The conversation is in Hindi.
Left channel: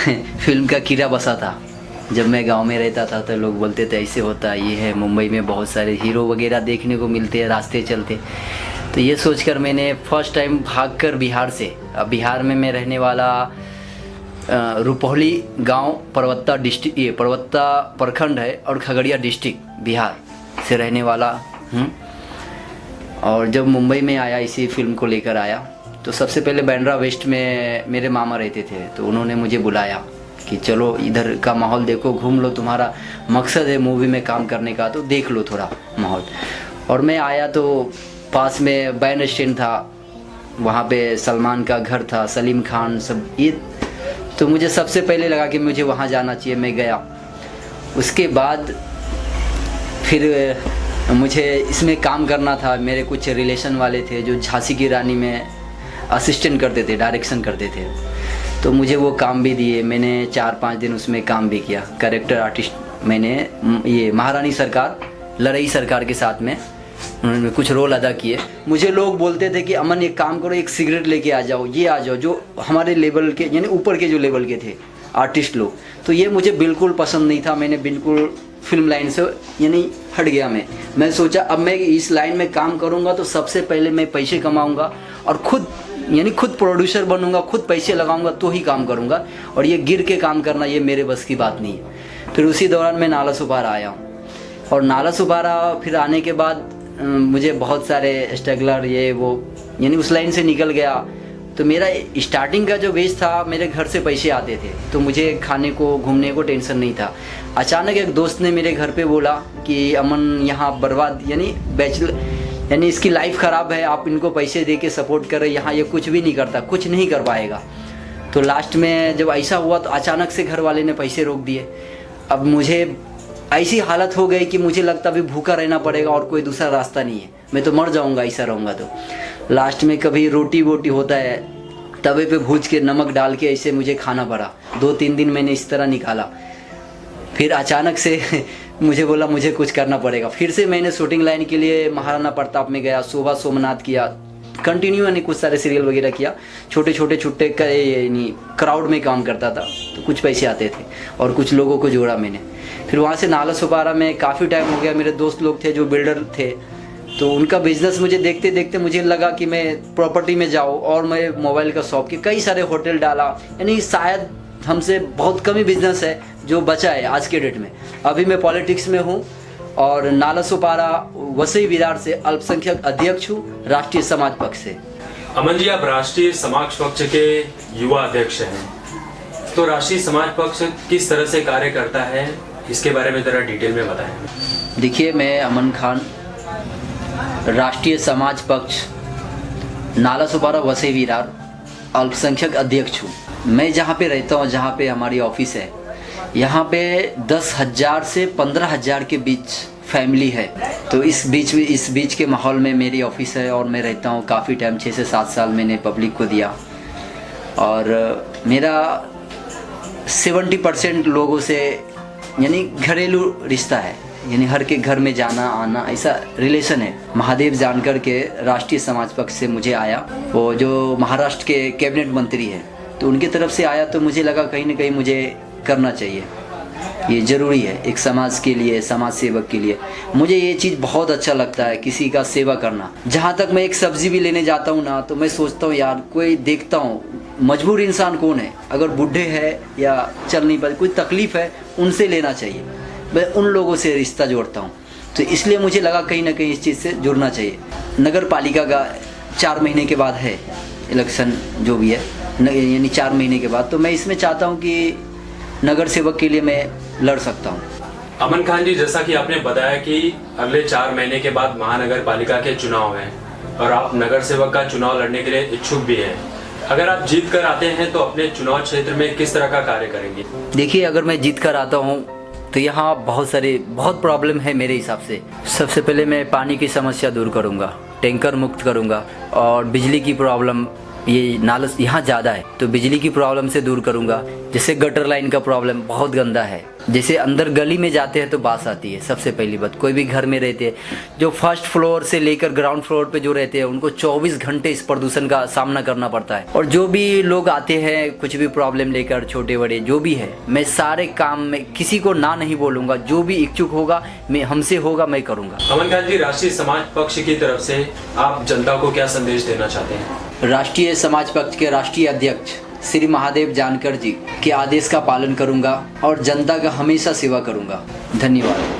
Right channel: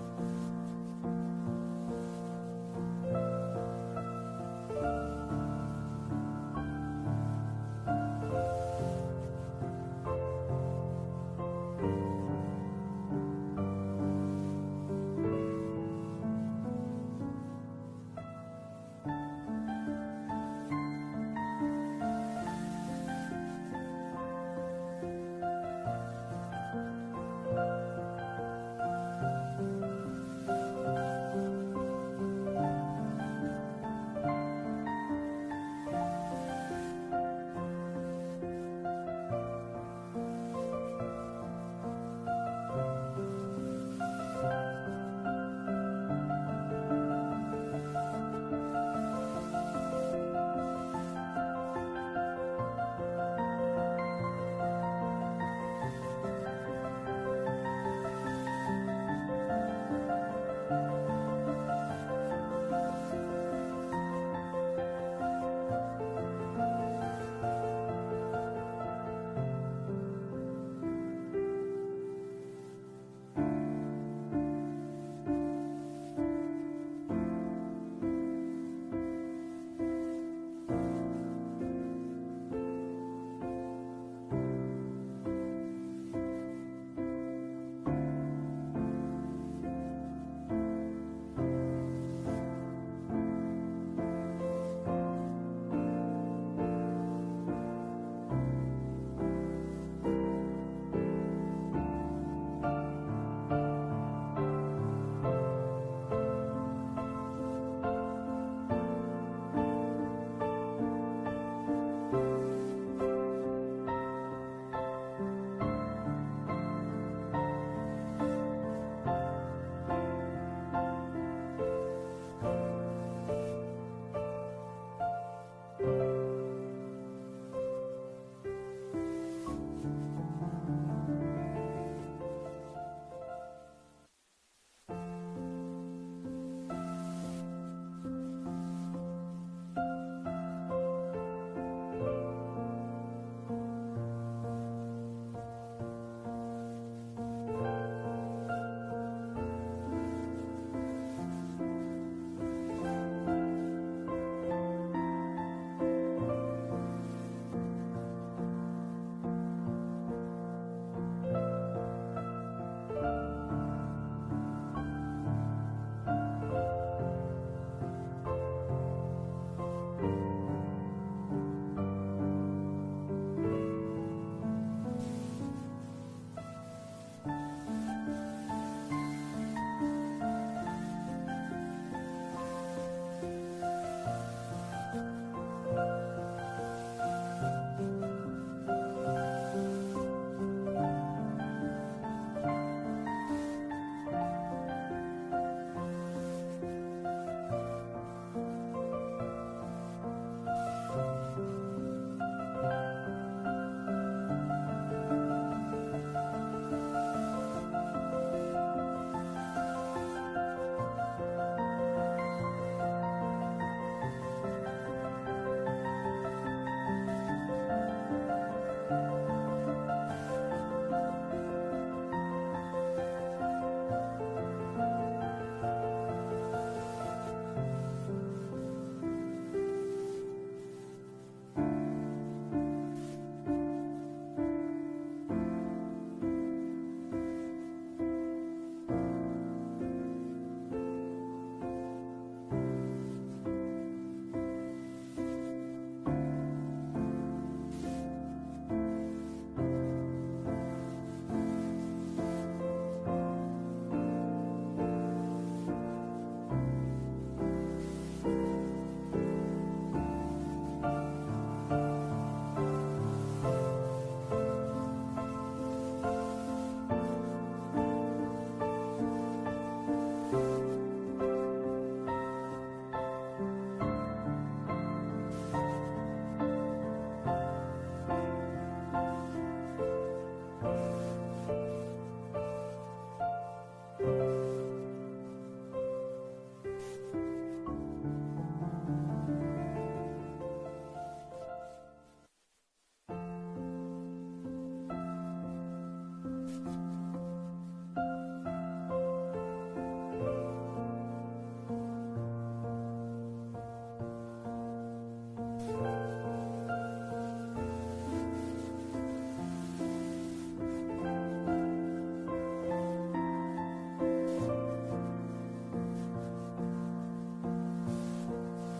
फिल्म का कीड़ा बसा था। जब मैं गांव में रहता था तो लोग बोलते थे ऐसे होता है, ये है, मुंबई में बहुत सारे हीरो वगैरह देखने को मिलते हैं रास्ते चलते। तो ये सोचकर मैंने फर्स्ट टाइम भागकर बिहार से, अब बिहार में मैं रहने वाला रुपौली गांव परवत्ता डिस्ट्रिक्ट, ये परवत्ता प्रखंड है और खगड़िया डिस्ट्रिक्ट बिहार से रहने वाला हूँ। और जब मुंबई में आया, इसी फिल्म को लेकर आया, तो सबसे पहले बांद्रा वेस्ट में मेरे मामा रहते थे, तो उन्होंने मुझे बुलाया कि चलो इधर का माहौल देखो, घूम लो, तुम्हारा मकसद है मूवी में काम करने का तो देख लो थोड़ा माहौल। और मैं आया तो पास में बैंड स्टैंड था, वहाँ पे सलमान का घर था, सलीम खान सब, ये तो मुझे सबसे पहले लगा कि मुझे वहाँ जाना चाहिए। मैं गया, उसके बाद फिर मुझे इसमें काम करना था। मेरे कुछ रिलेशन वाले थे जो झांसी की रानी में असिस्टेंट करते थे, डायरेक्शन करते थे, तो मुझे वो काम भी दिए। मैंने 4-5 दिन उसमें काम भी किया। कैरेक्टर आर्टिस्ट मैंने ये महारानी सरकार, लड़ई सरकार के साथ में उन्होंने कुछ रोल अदा किए। मुझे लोग बोलते थे कि अमन एक काम करो, एक सिगरेट लेके आ जाओ, ये आ जाओ, जो हमारे लेवल के यानी ऊपर के जो लेवल के थे आर्टिस्ट लोग। तो ये मुझे बिल्कुल पसंद नहीं था। मैंने बिल्कुल फिल्म लाइन से यानी हट गया। मैं सोचा अब मैं इस लाइन में काम करूँगा तो सबसे पहले मैं पैसे कमाऊँगा और खुद प्रोड्यूसर बनूंगा, खुद पैसे लगाऊंगा तो ही काम करूँगा, और ये गिर के काम करना ये मेरे बस की बात नहीं है। फिर उसी दौरान मैं नाला सुपारा आया हूँ, और नाला सुपारा फिर आने के बाद मुझे बहुत सारे स्ट्रगलर ये वो यानी उस लाइन से निकल गया। तो मेरा स्टार्टिंग का जो बेस था, मेरे घर से पैसे आते थे तो मुझे खाने को घूमने को टेंशन नहीं था। अचानक एक दोस्त ने मेरे घर पे बोला कि अमन यहाँ बर्बाद यानी बैचलर यानी इसकी लाइफ ख़राब है, आप इनको पैसे दे के सपोर्ट कर रहे, यहाँ ये कुछ भी नहीं करता, कुछ नहीं कर पाएगा। तो लास्ट में जब ऐसा हुआ तो अचानक से घर वाले ने पैसे रोक दिए। अब मुझे ऐसी हालत हो गई कि मुझे लगता अभी भूखा रहना पड़ेगा और कोई दूसरा रास्ता नहीं है, मैं तो मर जाऊंगा ऐसा रहूँगा। तो लास्ट में कभी रोटी वोटी होता है, तवे पे भूज के नमक डाल के ऐसे मुझे खाना पड़ा। 2-3 दिन मैंने इस तरह निकाला। फिर अचानक से मुझे बोला मुझे कुछ करना पड़ेगा। फिर से मैंने शूटिंग लाइन के लिए महाराणा प्रताप में गया, शोभा सोमनाथ किया, कंटिन्यू यानी कुछ सारे सीरियल वगैरह किया। छोटे छोटे छुट्टे यानी क्राउड में काम करता था, तो कुछ पैसे आते थे और कुछ लोगों को जोड़ा मैंने। फिर वहाँ से नाला सुपारा में काफ़ी टाइम हो गया। मेरे दोस्त लोग थे जो बिल्डर थे, तो उनका बिजनेस मुझे देखते देखते मुझे लगा कि मैं प्रॉपर्टी में जाऊँ, और मैं मोबाइल का शॉप के कई सारे होटल डाला। यानी शायद हमसे बहुत कम ही बिजनेस है जो बचा है आज के डेट में। अभी मैं पॉलिटिक्स में हूँ और नाला सुपारा वसई विरार से अल्पसंख्यक अध्यक्ष हूँ, राष्ट्रीय समाज पक्ष से। अमन जी, आप राष्ट्रीय समाज पक्ष के युवा अध्यक्ष हैं, तो राष्ट्रीय समाज पक्ष किस तरह से कार्य करता है, इसके बारे में जरा डिटेल में बताएं। देखिए, मैं अमन खान, राष्ट्रीय समाज पक्ष नाला सुपारा वसई विरार अल्पसंख्यक अध्यक्ष हूँ। मैं जहाँ पे रहता हूँ, जहाँ पे हमारी ऑफिस है, यहाँ पे 10,000 से 15,000 के बीच फैमिली है। तो इस बीच के माहौल में मेरी ऑफिस है और मैं रहता हूँ काफ़ी टाइम, 6 से 7 साल मैंने पब्लिक को दिया। और मेरा 70% लोगों से यानी घरेलू रिश्ता है, यानी हर के घर में जाना आना ऐसा रिलेशन है। महादेव जानकर के राष्ट्रीय समाज पक्ष से मुझे आया, वो जो महाराष्ट्र के कैबिनेट मंत्री हैं, तो उनकी तरफ से आया। तो मुझे लगा कहीं ना कहीं मुझे करना चाहिए, ये ज़रूरी है एक समाज के लिए, समाज सेवक के लिए। मुझे ये चीज़ बहुत अच्छा लगता है, किसी का सेवा करना। जहाँ तक मैं एक सब्जी भी लेने जाता हूँ ना, तो मैं सोचता हूँ यार कोई देखता हूँ मजबूर इंसान कौन है, अगर बूढ़े हैं या चल नहीं पाते, कोई तकलीफ़ है, उनसे लेना चाहिए। मैं उन लोगों से रिश्ता जोड़ता हूँ, तो इसलिए मुझे लगा कहीं ना कहीं इस चीज़ से जुड़ना चाहिए। नगर पालिका का 4 महीने के बाद है इलेक्शन, जो भी है यानी 4 महीने के बाद, तो मैं इसमें चाहता हूँ कि नगर सेवक के लिए मैं लड़ सकता हूँ। अमन खान जी, जैसा कि आपने बताया कि अगले 4 महीने के बाद महानगर पालिका के चुनाव हैं और आप नगर सेवक का चुनाव लड़ने के लिए इच्छुक भी हैं। अगर आप जीत कर आते हैं तो अपने चुनाव क्षेत्र में किस तरह का कार्य करेंगे? देखिए, अगर मैं जीत कर आता हूँ तो यहाँ बहुत प्रॉब्लम है मेरे हिसाब से। सबसे पहले मैं पानी की समस्या दूर करूँगा, टैंकर मुक्त करूँगा, और बिजली की प्रॉब्लम ये नाला यहाँ ज़्यादा है, तो बिजली की प्रॉब्लम से दूर करूँगा। जैसे गटर लाइन का प्रॉब्लम बहुत गंदा है, जैसे अंदर गली में जाते हैं तो बास आती है। सबसे पहली बात, कोई भी घर में रहते हैं, जो फर्स्ट फ्लोर से लेकर ग्राउंड फ्लोर पे जो रहते हैं, उनको 24 घंटे इस प्रदूषण का सामना करना पड़ता है। और जो भी लोग आते हैं कुछ भी प्रॉब्लम लेकर, छोटे बड़े जो भी है, मैं सारे काम में किसी को ना नहीं बोलूँगा। जो भी इच्छुक होगा, मैं हमसे होगा, मैं करूँगा। अमन खान जी, राष्ट्रीय समाज पक्ष की तरफ से आप जनता को क्या संदेश देना चाहते हैं? राष्ट्रीय समाज पक्ष के राष्ट्रीय अध्यक्ष श्री महादेव जानकर जी के आदेश का पालन करूंगा और जनता का हमेशा सेवा करूंगा। धन्यवाद।